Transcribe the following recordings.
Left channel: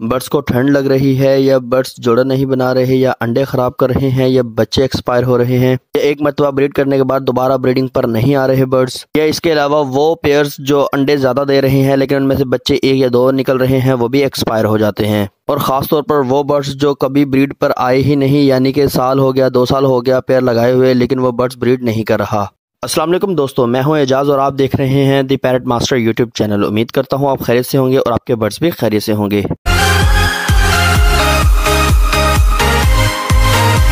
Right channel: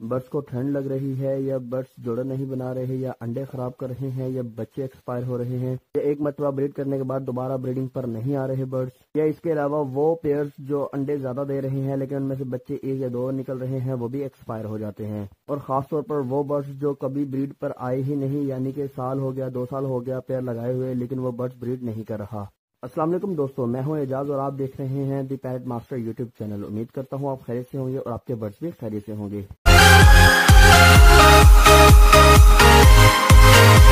Birds को ठंड लग रही है, या बर्ड्स जोड़ा नहीं बना रहे, या अंडे खराब कर रहे हैं, या बच्चे एक्सपायर हो रहे हैं, या एक मरतबा ब्रीड करने के बाद दोबारा ब्रीडिंग पर नहीं आ रहे बर्ड्स, या इसके अलावा वो पेयर्स जो अंडे ज़्यादा दे रहे हैं लेकिन उनमें से बच्चे एक या दो निकल रहे हैं वो भी एक्सपायर हो जाते हैं। और ख़ास तौर पर वो बर्ड्स जो कभी ब्रीड पर आए ही नहीं, यानी कि साल हो गया 2 साल हो गया पेयर लगाए हुए लेकिन वो बर्ड्स ब्रीड नहीं कर रहा। अस्सलाम वालेकुम दोस्तों, मैं हूं एजाज़ और आप देख रहे हैं दी पैरट मास्टर यूट्यूब चैनल। उम्मीद करता हूं आप खैरियत से होंगे और आपके बर्ड्स भी खैरियत से होंगे।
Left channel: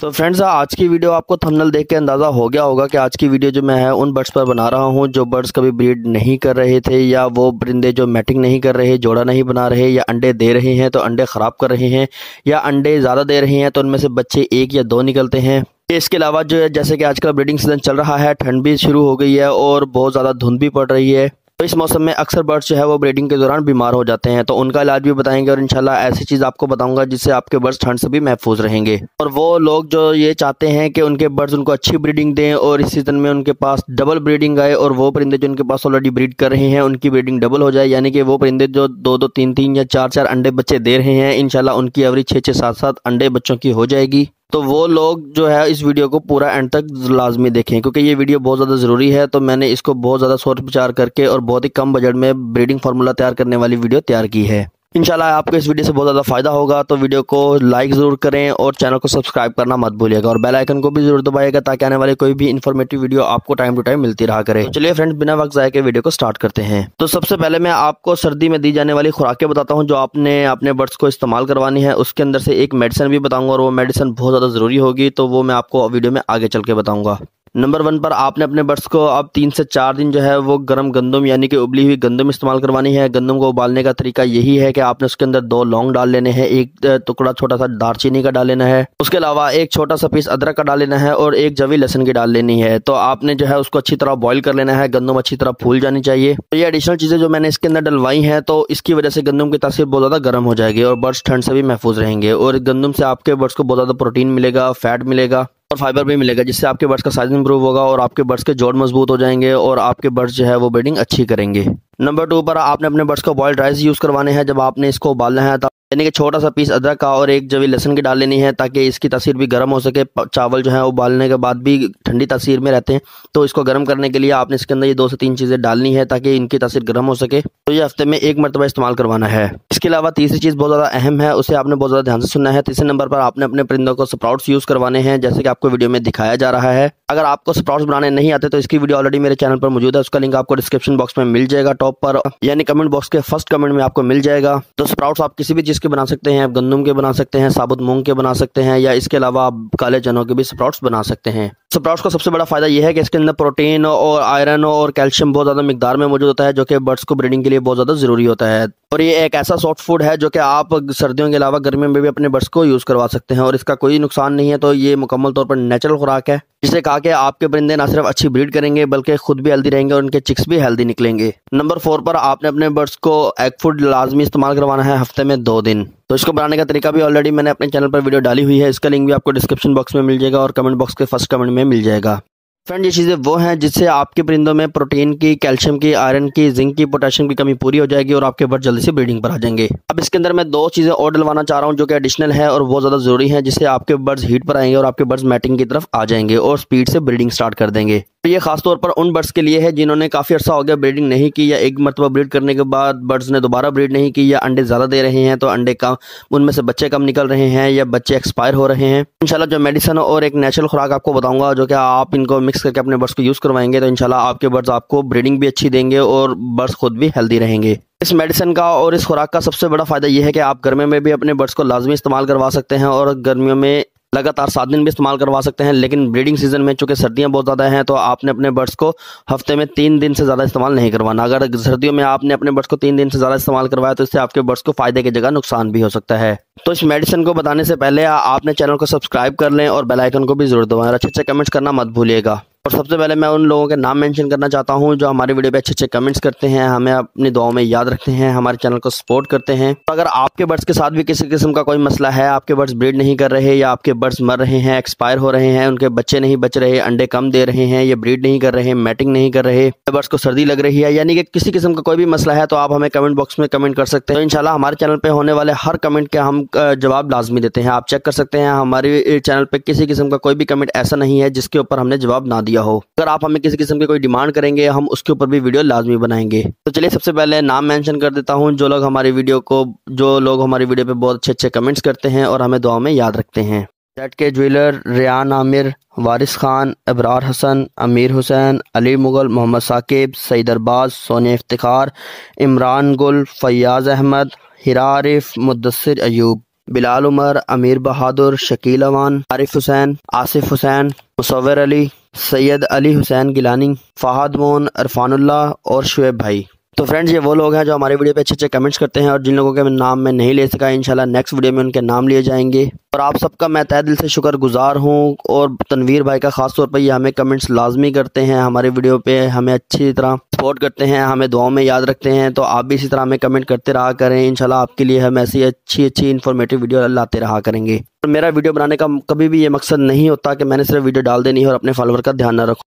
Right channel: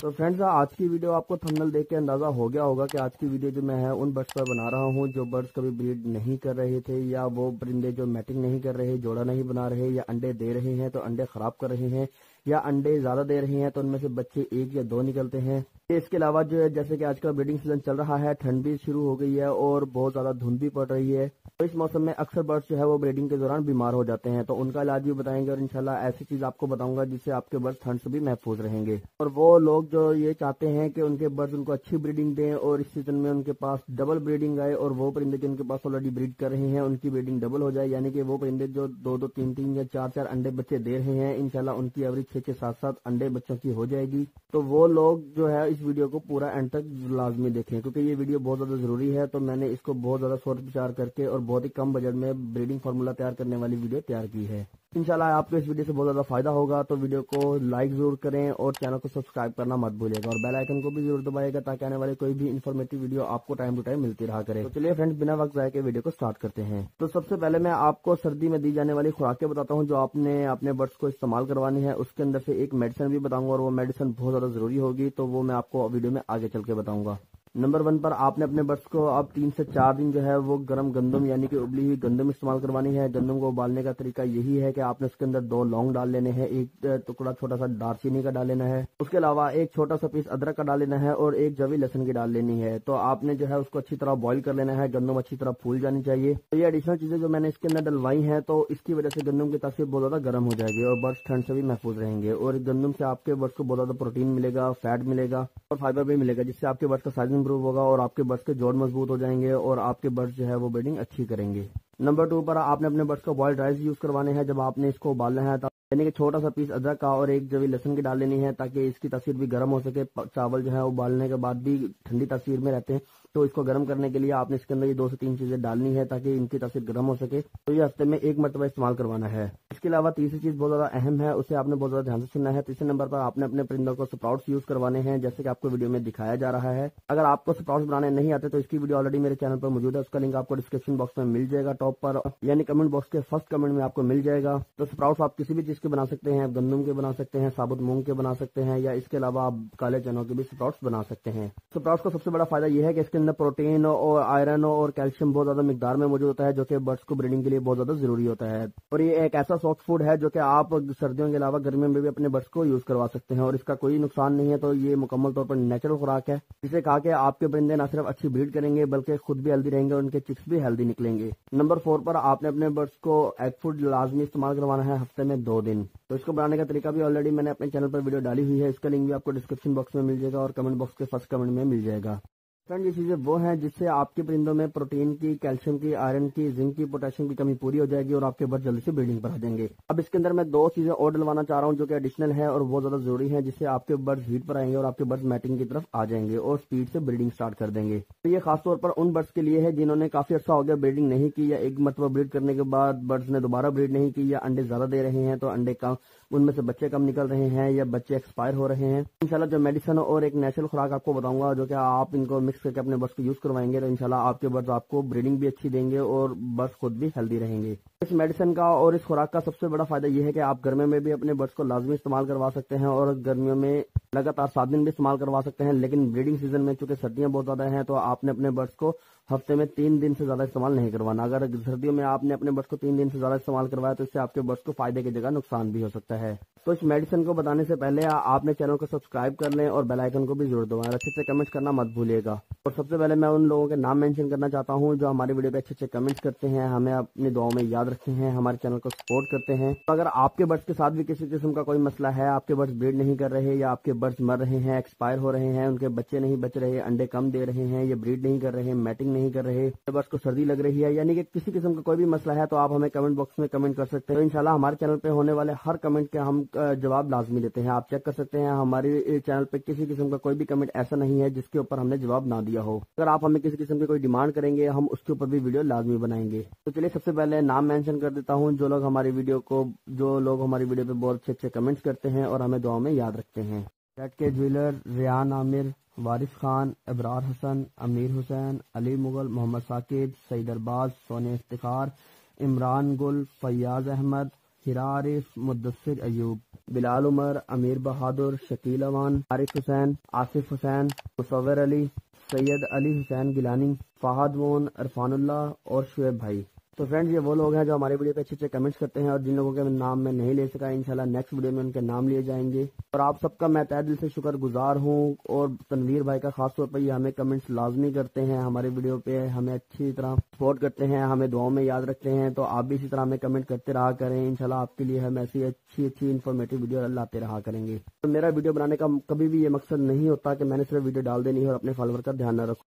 तो फ्रेंड्स, आज की वीडियो आपको थंबनेल देख के अंदाज़ा हो गया होगा कि आज की वीडियो जो मैं है उन बर्ड्स पर बना रहा हूं जो बर्ड्स कभी ब्रीड नहीं कर रहे थे, या वो परिंदे जो मैटिंग नहीं कर रहे, जोड़ा नहीं बना रहे, या अंडे दे रहे हैं तो अंडे ख़राब कर रहे हैं, या अंडे ज़्यादा दे रहे हैं तो उनमें से बच्चे 1 या 2 निकलते हैं। इसके अलावा जो है जैसे कि आजकल ब्रीडिंग सीजन चल रहा है, ठंड भी शुरू हो गई है और बहुत ज़्यादा धुंध भी पड़ रही है, तो इस मौसम में अक्सर बर्ड्स जो है वो ब्रीडिंग के दौरान बीमार हो जाते हैं। तो उनका इलाज भी बताएंगे और इंशाल्लाह ऐसी चीज़ आपको बताऊंगा जिससे आपके बर्ड्स ठंड से भी महफूज रहेंगे। और वो लोग जो ये चाहते हैं कि उनके बर्ड्स उनको अच्छी ब्रीडिंग दें और इस सीज़न में उनके पास डबल ब्रीडिंग आए, और वो परिंदे जो उनके पास ऑलरेडी ब्रीड कर रहे हैं उनकी ब्रीडिंग डबल हो जाए, यानी कि वो परिंदे जो 2-2, 3-3 या 4-4 अंडे बच्चे दे रहे हैं, इंशाल्लाह उनकी एवरेज 6-6, 7-7 अंडे बच्चों की हो जाएगी। तो वो लोग जो है इस वीडियो को पूरा एंड तक लाजमी देखें, क्योंकि ये वीडियो बहुत ज़्यादा ज़रूरी है। तो मैंने इसको बहुत ज़्यादा सोच विचार करके और बहुत ही कम बजट में ब्रीडिंग फार्मूला तैयार करने वाली वीडियो तैयार की है। इंशाल्लाह आपको इस वीडियो से बहुत ज़्यादा फ़ायदा होगा। तो वीडियो को लाइक ज़रूर करें और चैनल को सब्सक्राइब करना मत भूलिएगा, और बेल आइकन को भी ज़रूर दबाइएगा ताकि आने वाली कोई भी इन्फॉर्मेटिव वीडियो आपको टाइम टू टाइम मिलती रहा करे। तो चलिए फ्रेंड्स, बिना वक्त ज़ाया के वीडियो को स्टार्ट करते हैं। तो सबसे पहले मैं आपको सर्दी में दी जाने वाली खुराकें बताता हूँ जो आपने अपने बर्ड्स को इस्तेमाल करवानी है। उसके अंदर से एक मेडिसिन भी बताऊँगा और वो मेडिसिन बहुत ज़्यादा ज़रूरी होगी, तो वो मैं आपको वीडियो में आगे चल के बताऊँगा। नंबर 1 पर आपने अपने बर्ड्स को अब 3 से 4 दिन जो है वो गर्म गंदम यानी कि उबली हुई गंदम इस्तेमाल करवानी है। गंदम को उबालने का तरीका यही है कि आपने उसके अंदर 2 लौंग डाल लेने हैं, एक टुकड़ा छोटा सा दालचीनी का डाल लेना है, उसके अलावा एक छोटा सा पीस अदरक का डाल लेना है और एक जवी लहसुन की डाल लेनी है। तो आपने जो है उसको अच्छी तरह बॉईल कर लेना है, गंदम अच्छी तरह फूल जानी चाहिए। तो ये एडिशनल चीज़ें जो मैंने इसके अंदर डलवाई हैं, तो इसकी वजह से गंदम की तासीर बहुत ज़्यादा गर्म हो जाएगी और बर्ड्स ठंड से भी महफूज रहेंगे। और गंदम से आपके बर्ड्स को बहुत ज़्यादा प्रोटीन मिलेगा, फैट मिलेगा और फाइबर भी मिलेगा, जिससे आपके बर्ड्स का साइज इंप्रूव होगा और आपके बर्ड्स के जोड़ मजबूत हो जाएंगे और आपके बर्ड्स जो है वो ब्रीडिंग अच्छी करेंगे। नंबर 2 पर आपने अपने बर्ड्स को बॉइल्ड राइस यूज़ करवाने हैं। जब आपने इसको उबालना है यानी कि छोटा सा पीस अदरक का और एक जवी लहसुन की डाल लेनी है ताकि इसकी तासीर भी गर्म हो सके। चावल जो है उबालने के बाद भी ठंडी तासीर में रहते हैं, तो इसको गर्म करने के लिए आपने इसके अंदर ये 2 से 3 चीज़ें डालनी है ताकि इनकी तासीर गर्म हो सके। तो ये हफ्ते में 1 मरतबा इस्तेमाल करवाना है। इसके अलावा तीसरी चीज़ बहुत ज़्यादा अहम है, उसे आपने बहुत ज़्यादा ध्यान से सुनना है। तीसरे नंबर पर आपने अपने परिंदों को स्प्राउट्स यूज़ करवाने हैं, जैसे कि आपको वीडियो में दिखाया जा रहा है। अगर आपको स्प्राउट्स बनाने नहीं आते तो इसकी वीडियो ऑलरेडी मेरे चैनल पर मौजूद है, उसका लिंक आपको डिस्क्रिप्शन बॉक्स में मिल जाएगा, टॉप पर यानी कमेंट बॉक्स के फर्स्ट कमेंट में आपको मिल जाएगा। तो स्प्राउट्स आप किसी भी चीज़ के बना सकते हैं, गंदम के बना सकते हैं, साबुत मूंग के बना सकते हैं, या इसके अलावा आप काले चनों के भी स्प्राउट्स बना सकते हैं। स्प्राउट्स का सबसे बड़ा फायदा यह है कि इसके अंदर प्रोटीन और आयरन और कैल्शियम बहुत ज़्यादा मिकदार में मौजूद होता है, जो कि बर्ड्स को ब्रीडिंग के लिए बहुत ज़्यादा ज़रूरी होता है। और ये एक ऐसा सॉफ्ट फूड है जो कि आप सर्दियों के अलावा गर्मियों में भी अपने बर्ड्स को यूज़ करवा सकते हैं और इसका कोई नुकसान नहीं है। तो ये मुकम्मल तौर पर नेचुरल खुराक है, जिससे कहा कि आपके परिंदे ना सिर्फ अच्छी ब्रीड करेंगे बल्कि खुद भी हेल्दी रहेंगे और उनके चिक्स भी हेल्दी निकलेंगे। नंबर 4 पर आपने अपने बर्ड्स को एग फूड लाजमी इस्तेमाल करवाना है हफ्ते में 2 दिन। तो इसको बनाने का तरीका भी ऑलरेडी मैंने अपने चैनल पर वीडियो डाली हुई है, इसका लिंक भी आपको डिस्क्रिप्शन बॉक्स में मिल जाएगा और कमेंट बॉक्स के फर्स्ट कमेंट में मिल जाएगा। फ्रेंड, ये चीज़ें वो हैं जिससे आपके परिंदों में प्रोटीन की, कैल्शियम की, आयरन की, जिंक की, पोटेशियम की कमी पूरी हो जाएगी और आपके बर्ड जल्दी से ब्रीडिंग पर आ जाएंगे। अब इसके अंदर मैं 2 चीज़ें और डलवाना चाह रहा हूँ जो कि एडिशनल है और बहुत ज़्यादा ज़रूरी है, जिससे आपके बर्ड्स हीट पर आएंगे और आपके बर्ड्स मैटिंग की तरफ आ जाएंगे और स्पीड से ब्रीडिंग स्टार्ट कर देंगे। तो ये खासतौर पर उन बर्ड्स के लिए है जिन्होंने काफ़ी अर्सा हो गया ब्रीडिंग नहीं की, या एक मरतबा ब्रीड करने के बाद बर्ड्स ने दोबारा ब्रीड नहीं की, या अंडे ज़्यादा दे रहे हैं तो अंडे कम, उनमें से बच्चे कम निकल रहे हैं, या बच्चे एक्सपायर हो रहे हैं। इंशाल्लाह जो मेडिसिन और एक नेचुरल खुराक आपको बताऊंगा जो कि आप इनको मिक्स करके अपने बर्ड्स को यूज़ करवाएंगे, तो इंशाल्लाह आपके बर्ड्स आपको ब्रीडिंग भी अच्छी देंगे और बर्ड्स खुद भी हेल्दी रहेंगे। इस मेडिसिन का और इस खुराक का सबसे बड़ा फायदा यह है कि आप गर्मियों में भी अपने बर्ड्स को लाजमी इस्तेमाल करवा सकते हैं और गर्मियों में लगातार 7 दिन भी इस्तेमाल करवा सकते हैं। लेकिन ब्रीडिंग सीजन में चूंकि सर्दियां बहुत ज़्यादा हैं, तो आपने अपने बर्ड्स को हफ्ते में 3 दिन से ज़्यादा इस्तेमाल नहीं करवाना। अगर सर्दियों में आपने अपने बर्ड्स को 3 दिन से ज़्यादा इस्तेमाल करवाया तो इससे आपके बर्ड्स को फायदे की जगह नुकसान भी हो सकता है। तो इस मेडिसिन को बताने से पहले आपने चैनल को सब्सक्राइब कर लें और बेल आइकन को भी जरूर दबाएं और अच्छे अच्छे कमेंट्स करना मत भूलिएगा। और सबसे पहले मैं उन लोगों के नाम मेंशन करना चाहता हूं जो हमारे वीडियो पे अच्छे अच्छे कमेंट्स करते हैं, हमें अपनी दुआओं में याद रखते हैं, हमारे चैनल को सपोर्ट करते हैं। अगर आपके बर्ड्स के साथ भी किसी किस्म का कोई मसला है, आपके बर्ड्स ब्रीड नहीं कर रहे या आपके बर्ड्स मर रहे हैं, एक्सपायर हो रहे हैं, उनके बच्चे नहीं बच रहे, अंडे कम दे रहे हैं, ये ब्रीड नहीं कर रहे, मैटिंग नहीं कर रहे, बर्ड्स को सर्दी लग रही है, यानी कि किसी किस्म का कोई भी मसला है, तो आप हमें कमेंट बॉक्स में कमेंट कर सकते हैं। तो इंशाल्लाह हमारे चैनल पे होने वाले हर कमेंट के हम जवाब लाजमी देते हैं। आप चेक कर सकते हैं, हमारे चैनल पे किसी किस्म का कोई भी कमेंट ऐसा नहीं है जिसके ऊपर हमने जवाब ना दिया हो। अगर आप हमें किसी किस्म की कोई डिमांड करेंगे, हम उसके ऊपर भी वीडियो लाजमी बनाएंगे। तो चलिए सबसे पहले नाम मेंशन कर देता हूं, जो लोग हमारी वीडियो पे बहुत अच्छे अच्छे कमेंट्स करते हैं और हमें दुआ में याद रखते हैं। जेड के ज्वेलर, रियान आमिर, वारिस खान, अबरार हसन, अमीर हुसैन, अली मुगल, मोहम्मद साकिब, सईद अरबाज, सोनिया इफ्तिखार, इमरान गुल, फैयाज अहमद, हिरा आरिफ, मुद्दसिर अयूब, बिलाल उमर, अमीर बहादुर, शकील अमान, आरिफ हुसैन, आसिफ हुसैन, मुसव्वर अली, सैयद अली हुसैन गिलानी, फहद मोन, अरफानुल्लाह और शुएब भाई। तो फ्रेंड्स, ये वो लोग हैं जो हमारे वीडियो पे अच्छे अच्छे कमेंट्स करते हैं और जिन लोगों के नाम मैं नहीं ले सका, इंशाल्लाह नेक्स्ट वीडियो में उनके नाम लिए जाएंगे। और आप सबका मैं तहे दिल से शुक्रगुजार हूँ। और तनवीर भाई का खास तौर पर ये हमें कमेंट्स लाजमी करते हैं, हमारे वीडियो पे हमें अच्छी तरह सपोर्ट करते हैं, हमें दुआओं में याद रखते हैं। तो आप भी इसी तरह हमें कमेंट करते रहा करें, इंशाल्लाह आपके लिए हम ऐसी अच्छी अच्छी इन्फॉर्मेटिव वीडियो लाते रहा करेंगे। और मेरा वीडियो बनाने का कभी भी ये मकसद नहीं होता कि मैंने सिर्फ वीडियो डाल देनी है और अपने फॉलोअर का ध्यान न रखूँ।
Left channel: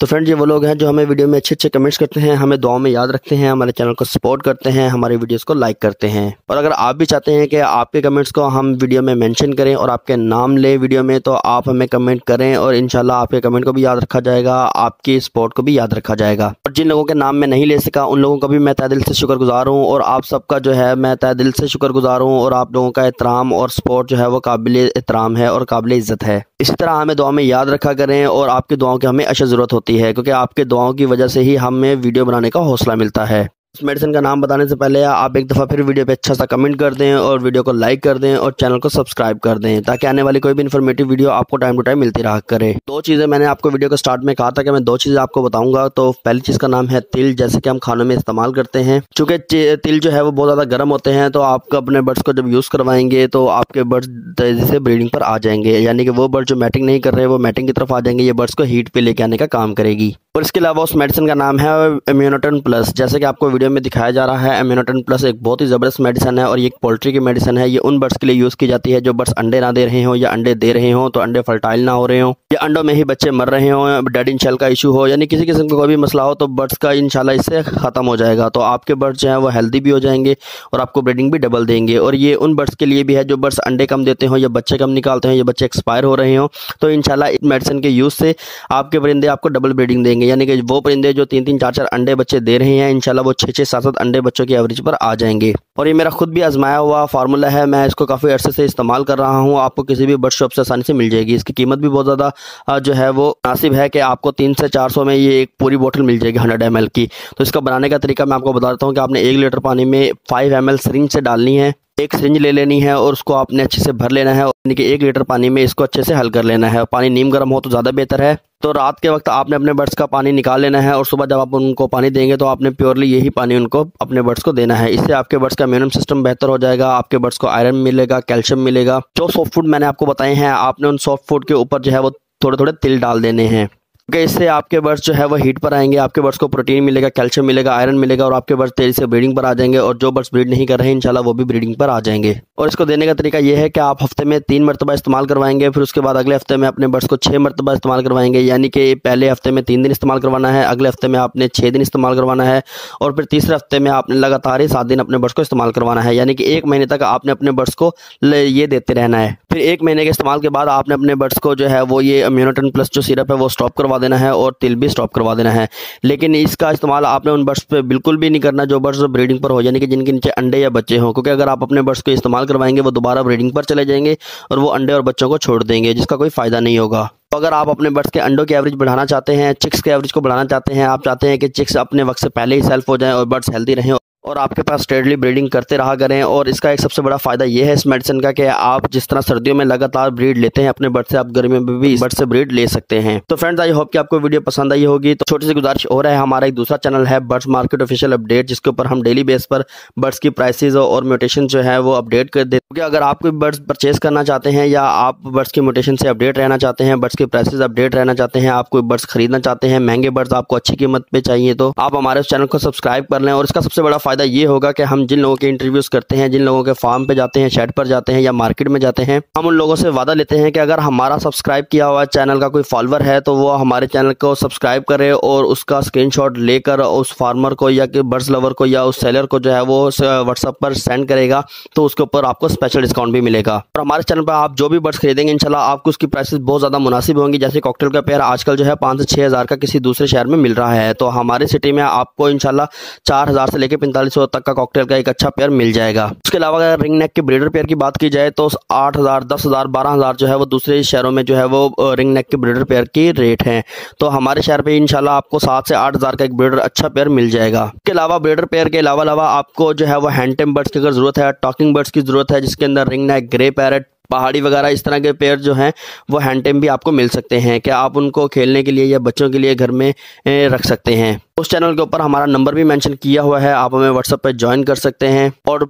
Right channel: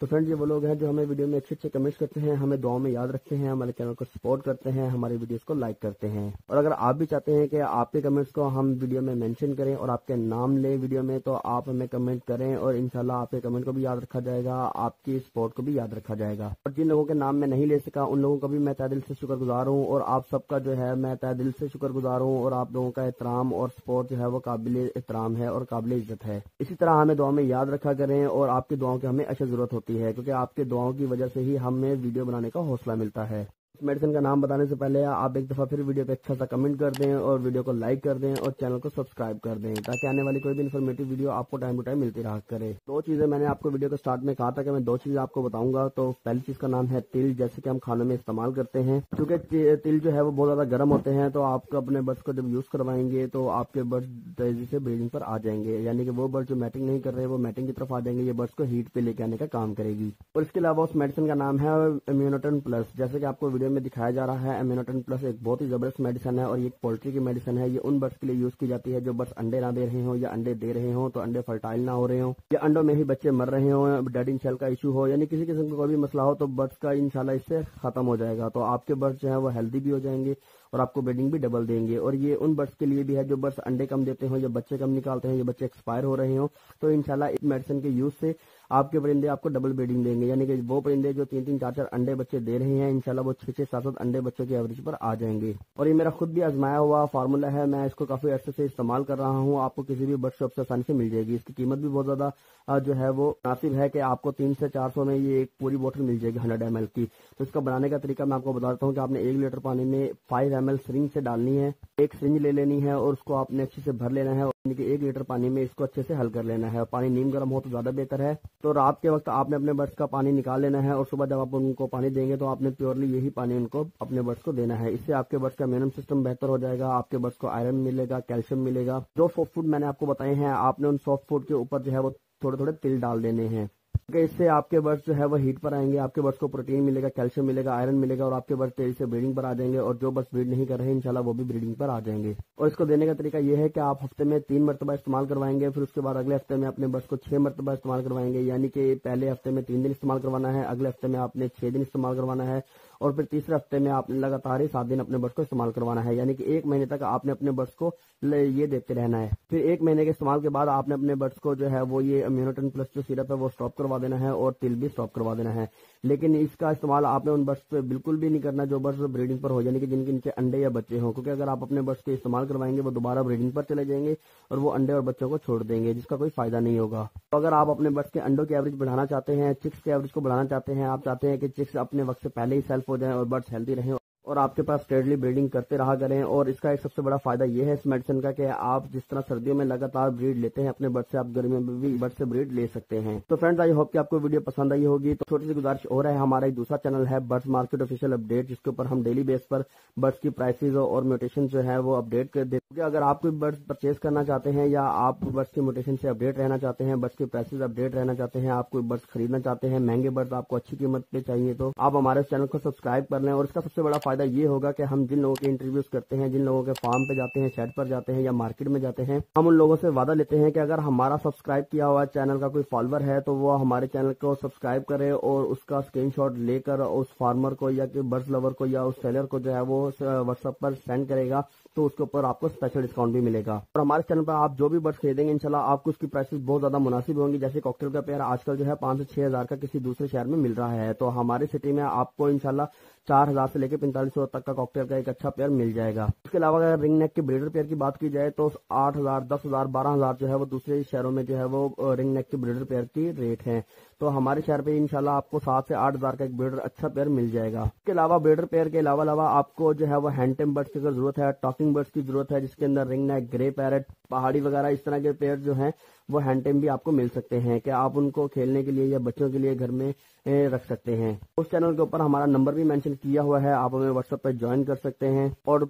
तो फ्रेंड्स, ये वो लोग हैं जो हमें वीडियो में अच्छे अच्छे कमेंट्स करते हैं, हमें दुआओं में याद रखते हैं, हमारे चैनल को सपोर्ट करते हैं, हमारे वीडियोस को लाइक करते हैं। और अगर आप भी चाहते हैं कि आपके कमेंट्स को हम वीडियो में मेंशन करें और आपके नाम ले वीडियो में, तो आप हमें कमेंट करें और इंशाल्लाह आपके कमेंट को भी याद रखा जाएगा, आपकी सपोर्ट को भी याद रखा जाएगा। और जिन लोगों के नाम मैं नहीं ले सका, उन लोगों का भी मैं तहे दिल से शुक्रगुजार हूँ। और आप सबका जो है मैं तहे दिल से शुक्रगुजार हूँ। और आप लोगों का एहतराम और सपोर्ट जो है वो काबिल एहतराम है और काबिल इज़्ज़त है। इसी तरह हमें दुआ में याद रखा करें और आपकी दुआओं की हमें अशद ज़रूरत होती है, क्योंकि आपके दुआओं की वजह से ही हमें वीडियो बनाने का हौसला मिलता है। इस मेडिसिन का नाम बताने से पहले आप एक दफ़ा फिर वीडियो पे अच्छा सा कमेंट कर दें और वीडियो को लाइक कर दें और चैनल को सब्सक्राइब कर दें, ताकि आने वाली कोई भी इन्फॉर्मेटिव वीडियो आपको टाइम टू टाइम मिलती रहा करे। दो चीज़ें मैंने आपको वीडियो के स्टार्ट में कहा था कि मैं दो चीज़ें आपको बताऊंगा। तो पहली चीज़ का नाम है तिल, जैसे कि हम खानों में इस्तेमाल करते हैं। चूँकि तिल जो है वो बहुत ज़्यादा गर्म होते हैं, तो आप अपने बर्ड्स को जब यूज़ करवाएंगे तो आपके बर्ड्स तेज़ी से ब्रीडिंग पर आ जाएंगे, यानी कि वो बर्ड जो मैटिंग नहीं कर रहे वो मैटिंग की तरफ आ जाएंगे। ये बर्ड्स को हीट पे लेके आने का काम करेगी। और इसके अलावा उस मेडिसिन का नाम है इम्यूनोटन प्लस। जैसे कि आपको वीडियो में दिखाया जा रहा है, इम्यूनोटन प्लस एक बहुत ही ज़बरदस्त मेडिसिन है और ये एक पोल्ट्री की मेडिसिन है। ये उन बर्ड्स के लिए यूज़ की जाती है जो बर्ड्स अंडे ना दे रहे हो या अंडे दे रहे हो तो अंडे फर्टाइल ना हो रहे हो या अंडों में ही बच्चे मर रहे हो, डेड इन शेल का इशू हो, यानी किसी किस्म का कोई भी मसला हो तो बर्ड्स का इंशाल्लाह इससे ख़त्म हो जाएगा। तो आपके बर्ड्स जो हैं वो हेल्दी भी हो जाएंगे और आपको ब्रीडिंग भी डबल देंगे। और ये उन बर्ड्स के लिए भी है जो बर्ड्स अंडे कम देते हो या बच्चे कम निकालते हैं या बच्चे एक्सपायर हो रहे हो, तो इंशाल्लाह इस मेडिसिन के यूज़ से आपके परिंदे आपको डबल ब्रीडिंग देंगे। यानी कि वो परिंदे जो 3-3, 4-4 अंडे बच्चे दे रहे हैं, इंशाल्लाह वो 6-6, 7-7 अंडे बच्चों की एवरेज पर आ जाएंगे। और ये मेरा खुद भी आजमाया हुआ फार्मूला है, मैं इसको काफ़ी अरसे से इस्तेमाल कर रहा हूँ। आपको किसी भी बर्ड शॉप से आसानी से मिल जाएगी। इसकी कीमत भी बहुत ज़्यादा जो है वो मुनासिब है कि आपको 300 से 400 में ये एक पूरी बोतल मिल जाएगी 100 ml की। तो इसका बनाने का तरीका मैं आपको बता देता हूँ कि आपने 1 लीटर पानी में 5 ml सिरिंज से डालनी है। एक सिरिंज ले लेनी है और उसको आपने अच्छे से भर लेना है, यानी कि 1 लीटर पानी में इसको अच्छे से हल कर लेना है। पानी नीम गर्म हो तो ज़्यादा बेहतर है। तो रात के वक्त आपने अपने बर्ड्स का पानी निकाल लेना है और सुबह जब आप उनको पानी देंगे तो आपने प्योरली यही पानी उनको अपने बर्ड्स को देना है। इससे आपके बर्ड्स का इम्यून सिस्टम बेहतर हो जाएगा, आपके बर्ड्स को आयरन मिलेगा, कैल्शियम मिलेगा। जो सॉफ्ट फूड मैंने आपको बताए हैं, आपने उन सॉफ्ट फूड के ऊपर जो है वो थोड़े थोड़े तिल डाल देने हैं, क्योंकि इससे आपके बर्ड्स जो है वो हीट पर आएंगे, आपके बर्ड्स को प्रोटीन मिलेगा, कैल्शियम मिलेगा, आयरन मिलेगा और आपके बर्ड्स तेजी से ब्रीडिंग पर आ जाएंगे। और जो बर्ड्स ब्रीड नहीं कर रहे हैं इंशाल्लाह वो भी ब्रीडिंग पर आ जाएंगे। और इसको देने का तरीका ये है कि आप हफ्ते में 3 मरतबा इस्तेमाल करवाएंगे, फिर उसके बाद अगले हफ्ते में अपने बर्ड्स को 6 मरतबा इस्तेमाल करवाएंगे। यानी कि पहले हफ्ते में 3 दिन इस्तेमाल करवाना है, अगले हफ्ते में आपने 6 दिन इस्तेमाल करवाना है और फिर तीसरे हफ्ते में आपने लगातार ही 7 दिन अपने बर्ड्स को इस्तेमाल करवाना है। यानी कि 1 महीने तक आपने अपने बर्ड्स को ये देते रहना है। फिर 1 महीने के इस्तेमाल के बाद आपने अपने बर्ड्स को जो है वो ये इम्यूनोटन प्लस जो सिरप है वो स्टॉप करवा देना है और तिल भी स्टॉप करवा देना है। लेकिन इसका इस्तेमाल आपने उन बर्ड्स पे बिल्कुल भी नहीं करना जो बर्ड्स ब्रीडिंग पर हो, यानी कि जिनके नीचे अंडे या बच्चे हों, क्योंकि अगर आप अपने बर्ड्स को इस्तेमाल करवाएंगे वो दोबारा ब्रीडिंग पर चले जाएंगे और वो अंडे और बच्चों को छोड़ देंगे, जिसका कोई फायदा नहीं होगा। तो अगर आप अपने बर्ड्स के अंडों की एवरेज बढ़ाना चाहते हैं, चिक्स के एवरेज को बढ़ाना चाहते हैं, आप चाहते हैं कि चिक्स अपने वक्त से पहले ही सेल्फ हो जाएं और बर्ड्स हेल्दी रहें और आपके पास स्टेडली ब्रीडिंग करते रहा करें। और इसका एक सबसे बड़ा फ़ायदा ये है इस मेडिसिन का कि आप जिस तरह सर्दियों में लगातार ब्रीड लेते हैं अपने बर्ड से, आप गर्मियों में भी बर्ड से ब्रीड ले सकते हैं। तो फ्रेंड्स, आई होप कि आपको वीडियो पसंद आई होगी। तो छोटी सी गुजारिश हो रहा है, हमारा एक दूसरा चैनल है बर्ड्स मार्केट ऑफिशियल अपडेट, जिसके ऊपर हम डेली बेस पर बर्ड्स की प्राइसेज और म्यूटेशन जो है वो अपडेट कर देते हैं। क्योंकि अगर आप कोई बर्ड्स परचेज करना चाहते हैं या आप बर्ड्स की म्यूटेशन से अपडेट रहना चाहते हैं, बर्ड्स की प्राइसेज अपडेट रहना चाहते हैं, आप कोई बर्ड्स खरीदना चाहते हैं, महंगे बर्ड्स आपको अच्छी कीमत पे चाहिए, तो आप हमारे उस चैनल को सब्सक्राइब कर लें। और इसका सबसे बड़ा फ़ायदा ये होगा कि हम जिन लोगों के इंटरव्यूज़ करते हैं, जिन लोगों के फार्म पे जाते हैं, शेड पर जाते हैं या मार्केट में जाते हैं, हम उन लोगों से वादा लेते हैं कि अगर हमारा सब्सक्राइब किया हुआ चैनल का कोई फॉलोअर है तो वो हमारे चैनल को सब्सक्राइब करे और उसका स्क्रीनशॉट लेकर उस फार्मर को या कि बर्ड्स लवर को या उस सेलर को जो है वो व्हाट्सएप पर सेंड करेगा, तो उसके ऊपर आपको स्पेशल डिस्काउंट भी मिलेगा। और हमारे चैनल पर आप जो भी बर्ड्स खरीदेंगे इंशाल्लाह आपको उसकी प्राइसेस बहुत ज़्यादा मुनासिब होंगी। जैसे कॉकटेल का पेयर आजकल जो है 5 से 6 हज़ार का किसी दूसरे शहर में मिल रहा है, तो हमारे सिटी में आपको इंशाल्लाह 4,000 से लेकर 4500 तक का कॉकटेल का एक अच्छा पेयर मिल जाएगा। उसके अलावा अगर रिंग नेक के ब्रीडर पेयर की बात की जाए तो 8,000, 10,000, 12,000 जो है वो दूसरे शहरों में जो है वो रिंग नेक के ब्रीडर पेयर की रेट हैं। तो हमारे शहर पे इंशाल्लाह आपको 7 से 8,000 का एक ब्रीडर अच्छा पेयर मिल जाएगा। इसके अलावा ब्रीडर पेयर के अलावा आपको जो है वो हैंड टेम बर्ड्स की अगर ज़रूरत है, टॉकिंग बर्ड्स की ज़रूरत है जिसके अंदर रिंग नेक, ग्रे पैरेट, पहाड़ी वगैरह इस तरह के पेयर जो हैं वो हैंड टेम भी आपको मिल सकते हैं कि आप उनको खेलने के लिए या बच्चों के लिए घर में रख सकते हैं। उस चैनल के ऊपर हमारा नंबर भी मेंशन किया हुआ है, आप हमें व्हाट्सएप पर ज्वाइन कर सकते हैं। और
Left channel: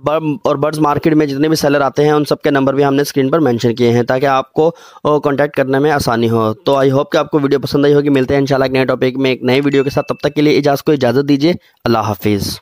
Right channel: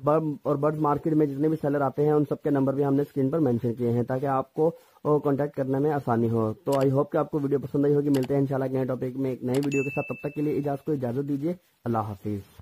बर्ड्स मार्केट में जितने भी सेलर आते हैं उन सब के नंबर भी हमने स्क्रीन पर मेंशन किए हैं ताकि आपको कॉन्टैक्ट करने में आसानी हो। तो आई होप कि आपको वीडियो पसंद आई होगी। मिलते हैं इंशाल्लाह एक नए टॉपिक में एक नई वीडियो के साथ, तब तक के लिए इजाज़त दीजिए। अल्लाह हाफिज़।